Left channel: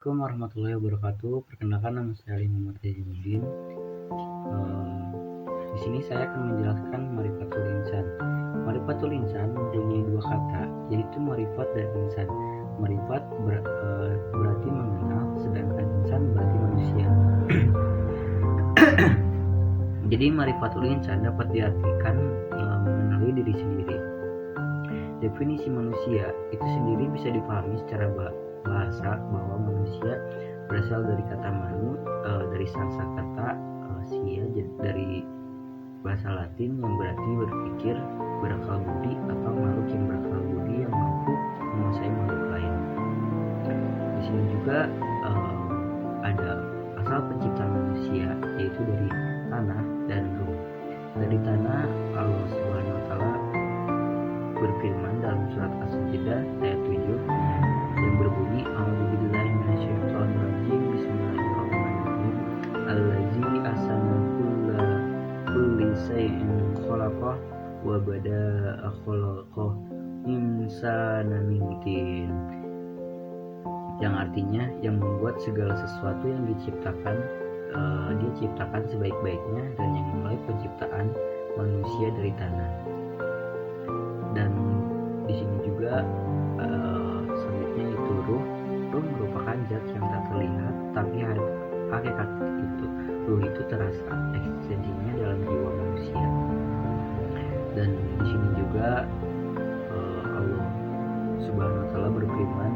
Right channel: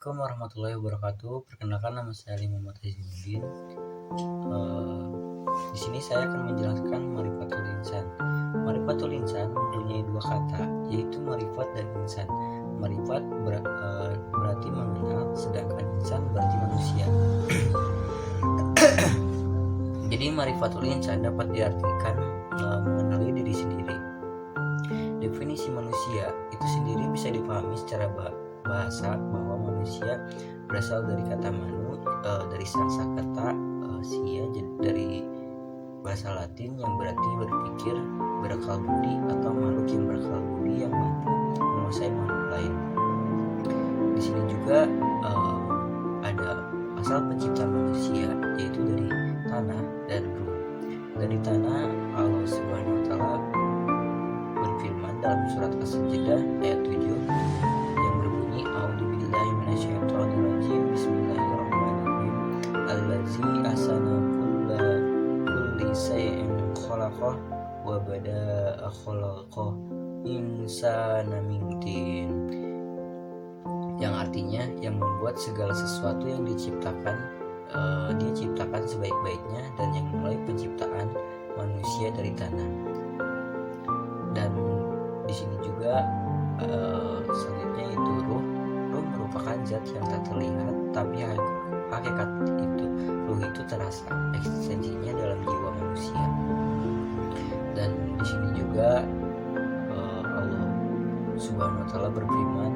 Assalamualaikum warahmatullahi wabarakatuh. Perkenalkan, nama saya Ali Muhammad Hajimuddin. Di sini saya akan menjelaskan Marifatul Insan. Marifatul Insan mempunyai dua kata, yaitu marifat dan insan. Marifat berarti mengenal, sedangkan insan berarti manusia. Jadi Marifatul Insan dapat diartikan mengenali diri sendiri. Definisi manusia itu sendiri bisa dipahami secara bahasa bahwa manusia berasal dari kata manu, dari sanskerta sia, dari bahasa Latin yang berarti berpikir, berakal budi, atau makhluk yang berakal budi yang mampu menguasai makhluk lain. Di sini juga ada asal penciptaan manusia, yaitu dari tanah dan ruh. Dari tanah, Allah Subhanahu wa Ta'ala berfirman dalam surat As-Sajdah ayat 7 yang berbunyi, A'udzubillahi minasyaitonirrajim, Bismillahirrahmanirrahim, Allazi ahsana kulli syai'in khalaqah wa bada'a khalaqah insana min tin, yang artinya yang membuat segala sesuatu yang diciptakan, dia ciptakan sebaik-baiknya, dan yang memulai penciptaan manusia dari tanah. Dan di sini juga selanjutnya itu ruh merupakan zat yang tak terlihat, tapi hakikat itu ruh itu terasa eksistensinya dalam jiwa manusia. Dan di sini juga Allah Subhanahu wa Ta'ala berfirman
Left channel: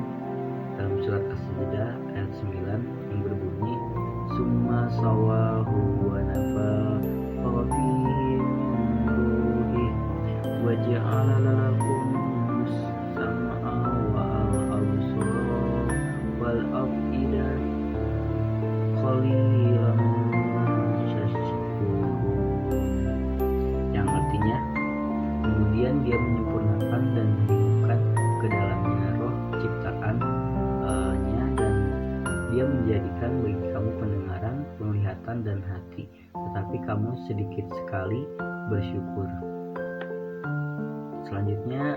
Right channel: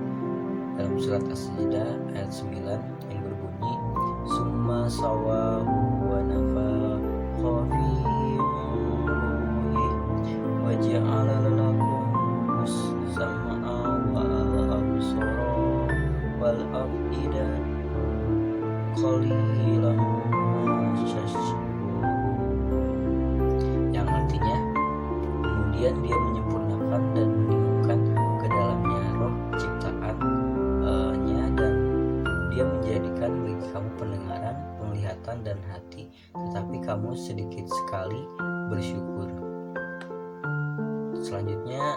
dalam surat As-Sajdah ayat 9 yang berbunyi, Summa sawahu wa nafakha fihi wa ja'ala lakum as-sam'a wal absara wal af'ida qalilan ma tashkurun, yang artinya kemudian dia menyempurnakan dan meniupkan ke dalamnya roh ciptaannya, dan dia menjadikan bagi kamu pendengaran, penglihatan, dan hati, tetapi kamu sedikit sekali bersyukur. Selanjutnya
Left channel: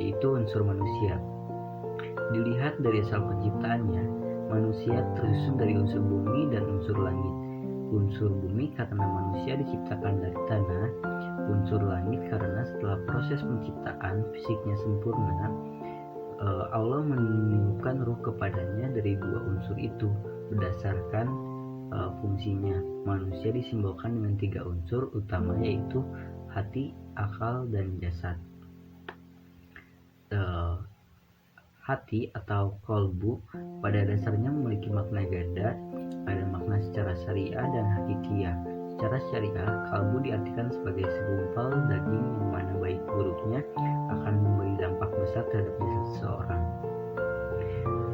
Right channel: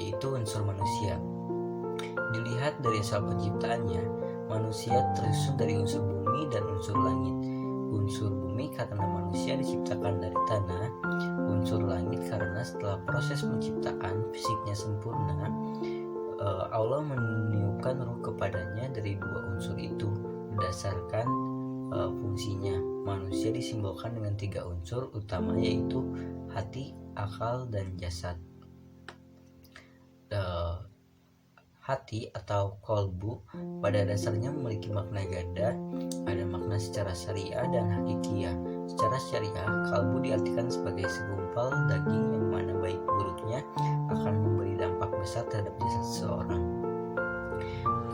yaitu unsur manusia. Dilihat dari asal penciptaannya, manusia tersusun dari unsur bumi dan unsur langit. Unsur bumi karena manusia diciptakan dari tanah, unsur langit karena setelah proses penciptaan fisiknya sempurna, Allah meniupkan ruh kepadanya dari dua unsur itu. Berdasarkan fungsinya, manusia disimbolkan dengan tiga unsur utama, yaitu hati, akal, dan jasad. Hati atau kolbu pada dasarnya memiliki makna ganda, ada makna secara syariah dan hakikiyah. Secara syariah, kalbu diartikan sebagai segumpal daging yang mana baik buruknya akan memberi dampak besar terhadap jasad seseorang.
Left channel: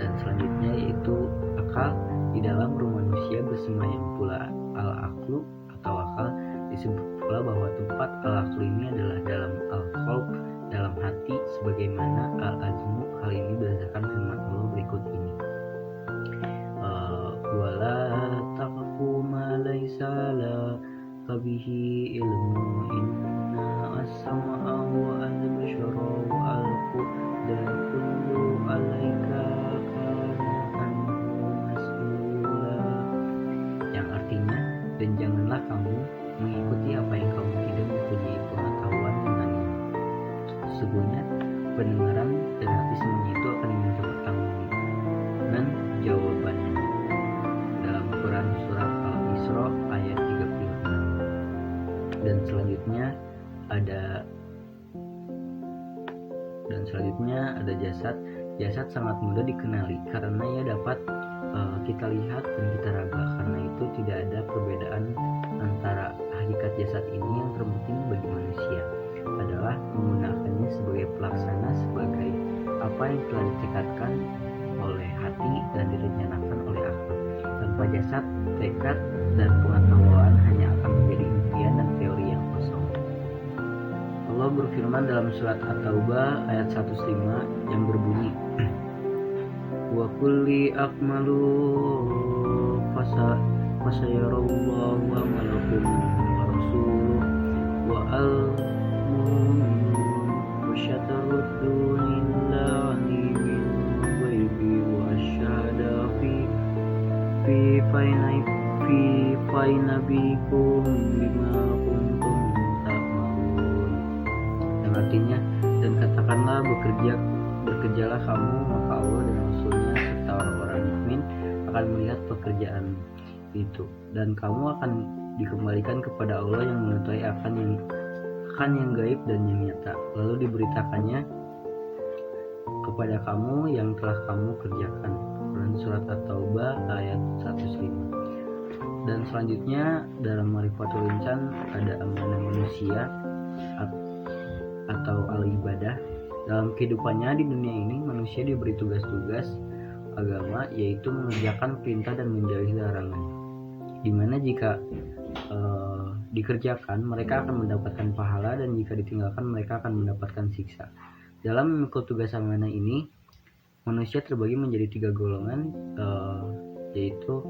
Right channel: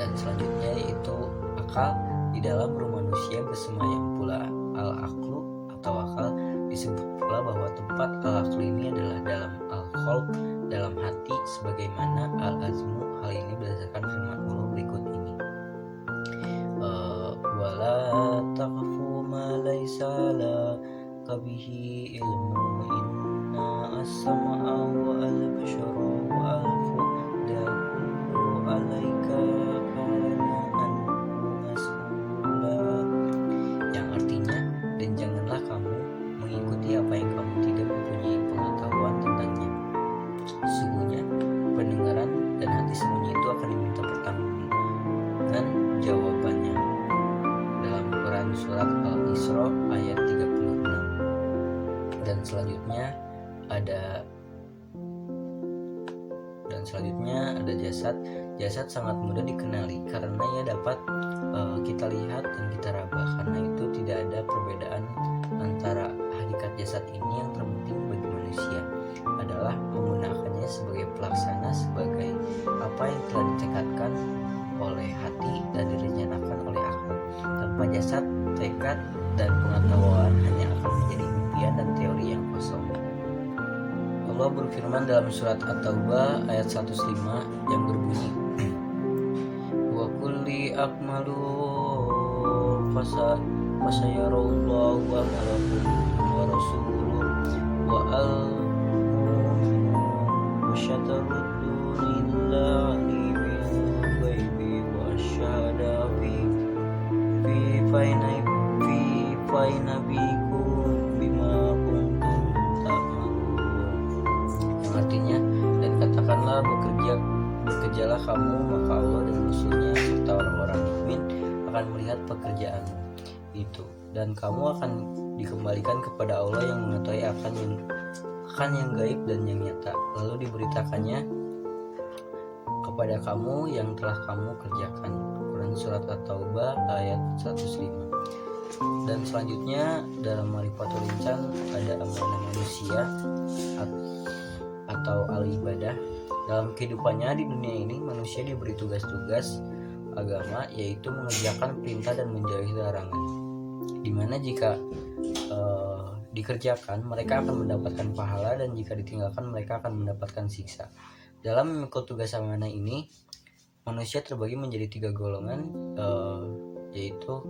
Dan selanjutnya yaitu akal. Di dalam ruh manusia bersemayam pula al-aqlu atau akal. Disebut pula bahwa tempat al-aqlu ini adalah dalam al-qalb, dalam hati, sebagaimana al-azmu. Hal ini berdasarkan firman Allah berikut ini, wala taqfu ma laysa laka bihi ilmu inna as-sam'a wa al-bashara wa al-fu'da kullu alaika kana anhu mas'ula, yang artinya, dan janganlah kamu mengikuti apa yang kamu tidak mempunyai pengetahuan tentangnya. Sesungguhnya pendengaran dan hati semuanya itu akan diminta pertanggungjawaban jawabannya. Dalam Quran surat Al-Isra ayat 36. Dan selanjutnya ada jasad. Jasad sangat mudah dikenali karena ia dapat kita lihat dan kita raba. Karena itu tidak ada perbedaan antara hakikat jasad ini. Yang terpenting bagi manusia adalah menggunakannya sebagai pelaksana, sebagai apa yang telah ditekadkan oleh hati dan direncanakan oleh akal. Tanpa jasad, tekad dan pengetahuan hanya akan menjadi impian dan teori yang kosong. Allah berfirman dalam surat At-Taubah ayat 105 yang berbunyi, wa kulli akmalu fasayarallahu amalakum wa rasuluhu wa al-mu'minun wa syataruddun illa fainabikum bima kuntum ta'malun, yang artinya, dan katakanlah bekerjalah kamu, maka Allah dan Rasulnya serta orang-orang mukmin akan melihat pekerjaan itu, dan kamu akan dikembalikan kepada Allah yang mengetahui akan yang gaib dan yang nyata, lalu diberitakannya kepada kamu yang telah kamu kerjakan. Quran Surat At-Taubah ayat 105. Dan selanjutnya dalam Marifatul Insan ada amanah manusia atau al-ibadah. Dalam kehidupannya di dunia ini, manusia diberi tugas-tugas agama, yaitu mengerjakan perintah dan menjauhi larangan, dimana jika dikerjakan mereka akan mendapatkan pahala, dan jika ditinggalkan mereka akan mendapatkan siksa. Dalam memikul tugas amanah ini, manusia terbagi menjadi 3 golongan, yaitu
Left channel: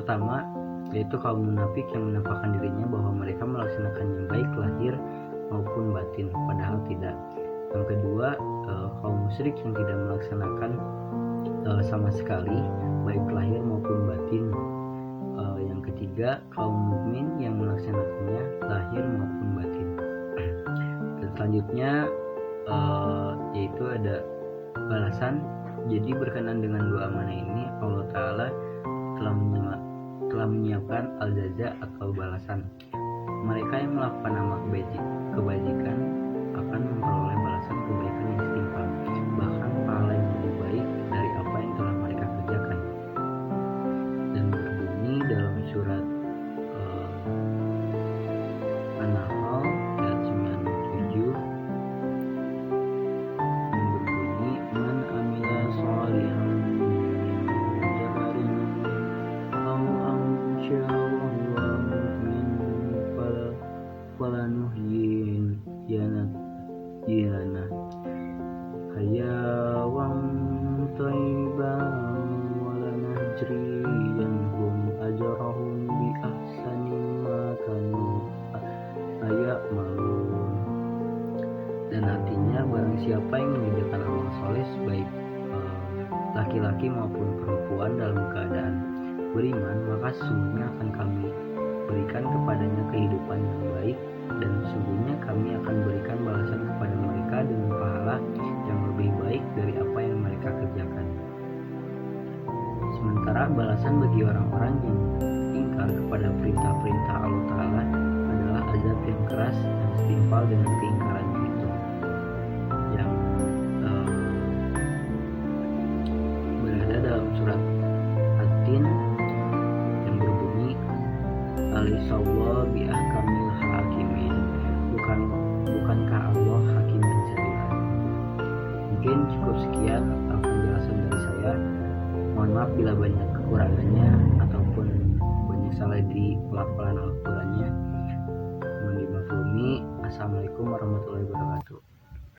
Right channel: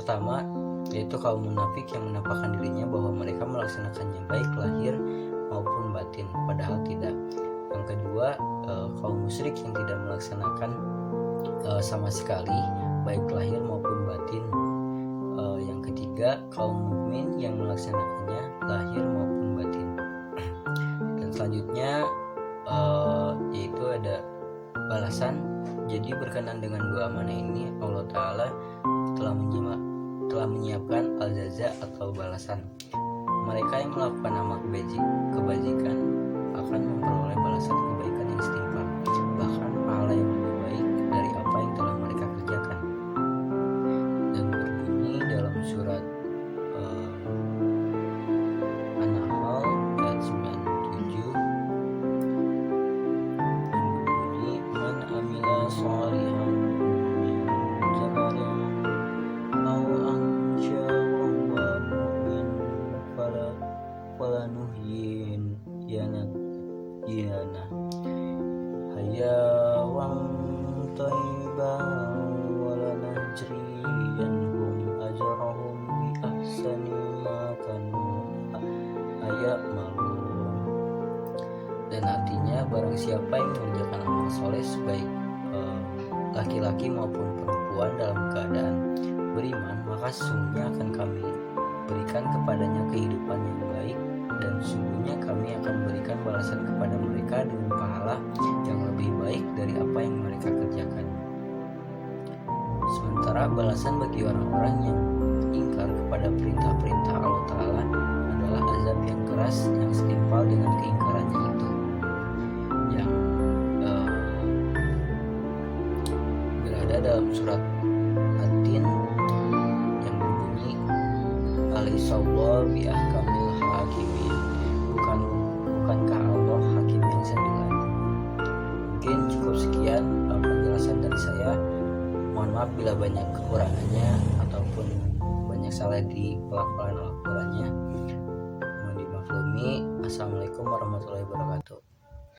pertama yaitu kaum munafik yang menampakkan dirinya bahwa mereka melaksanakannya baik lahir maupun batin, padahal tidak. Yang kedua, kaum musyrik yang tidak melaksanakan sama sekali baik lahir maupun batin. Yang ketiga, kaum mukmin yang melaksanakannya lahir maupun batin. Dan selanjutnya yaitu ada balasan. Jadi berkenan dengan 2 amanah ini, Allah Ta'ala telah menyiapkan al-jaza atau balasan. Mereka yang melakukan amal kebajikan akan memperoleh balasan kebaikan yang setimpal, bahkan pahala yang lebih baik dari apa yang telah mereka kerjakan. Dan berbunyi dalam surat An-Nahl ayat 97 yang berbunyi, man amila sholihan min zakarin aw ansya wa huwa mu'min falanuhyin yana hayawang thayyibah walanajriyanhum ajrahum bi ahsani ma kanu ya'malun. Dan artinya, barang siapa yang mengerjakan amal soleh baik laki-laki maupun perempuan dalam keadaan beriman, maka sesungguhnya akan kami berikan kepadanya kehidupan yang baik, dan sesungguhnya kami akan berikan balasan kepada mereka dengan pahala yang lebih baik dari apa yang mereka kerjakan. Sementara balasan bagi orang-orang yang ingkar kepada perintah-perintah Allah Ta'ala adalah azab yang keras yang setimpal dengan keingkarannya itu, yang berada dalam surat At-Tin yang berbunyi, Alaihissallahu biahkamil hakimin, bukankah Allah hakim yang sembilan. Mungkin cukup sekian penjelasan dari saya. Mohon maaf bila banyak kekurangannya ataupun banyak salah di pelafalan Al-Qur'annya. Mohon dimaklumi. Assalamualaikum warahmatullahi wabarakatuh.